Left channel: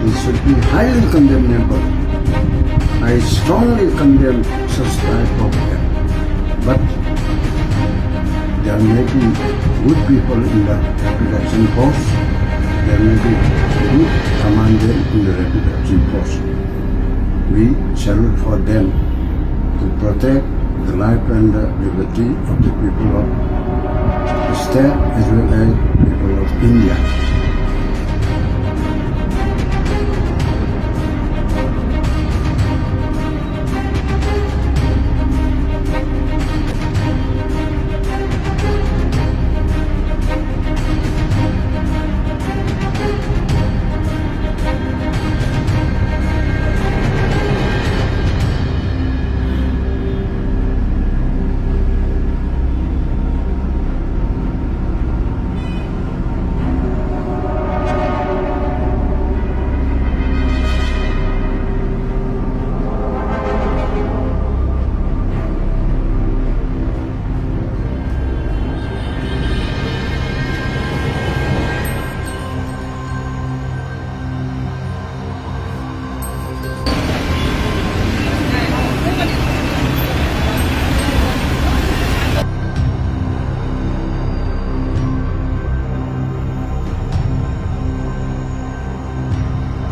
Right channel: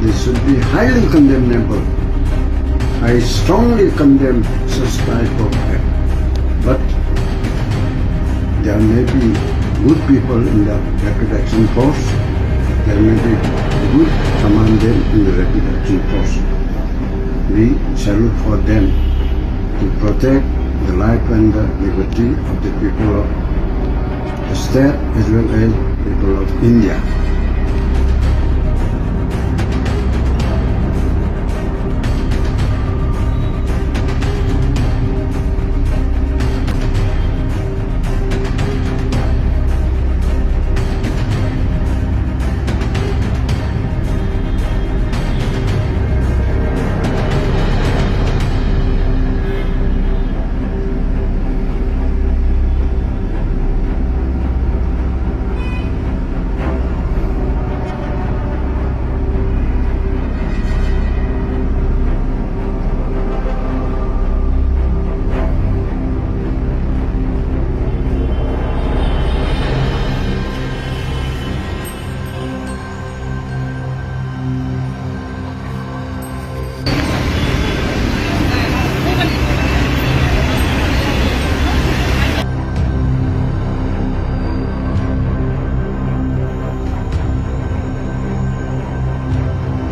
This should be highly condemnable. I strongly condemn such type of act. But there may be good people in the Rapid Action Force. There may be good commanders in the Rapid Action Force. We salute for them to protect the life and the liberty of the people of the state as well as people of India.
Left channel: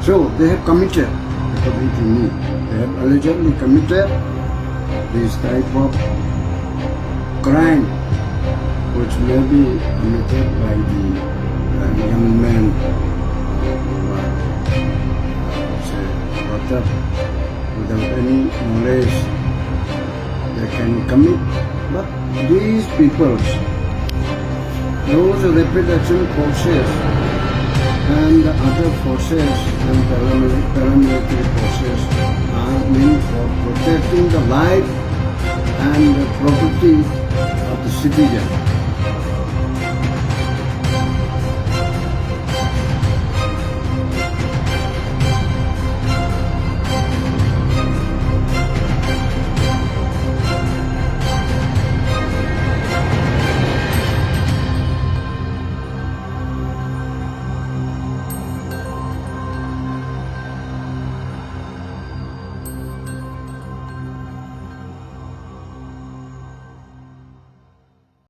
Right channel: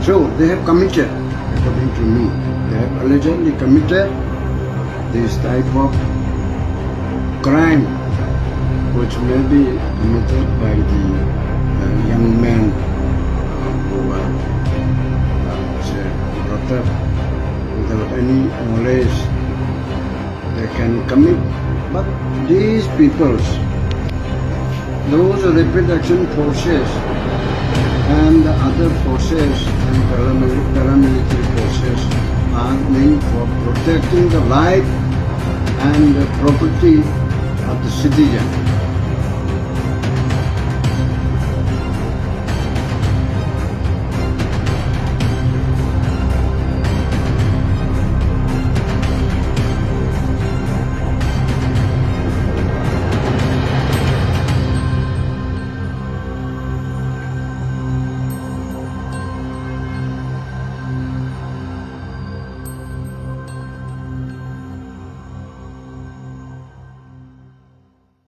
So they have committed, according to me, they have allegedly committed this type of crime which may be committed by the young men who were brought up without any knowledge. They can commit, but these people, those Rapid Action Forces and the other forces and paramilitary forces are meant for protecting the life and the property of the citizen.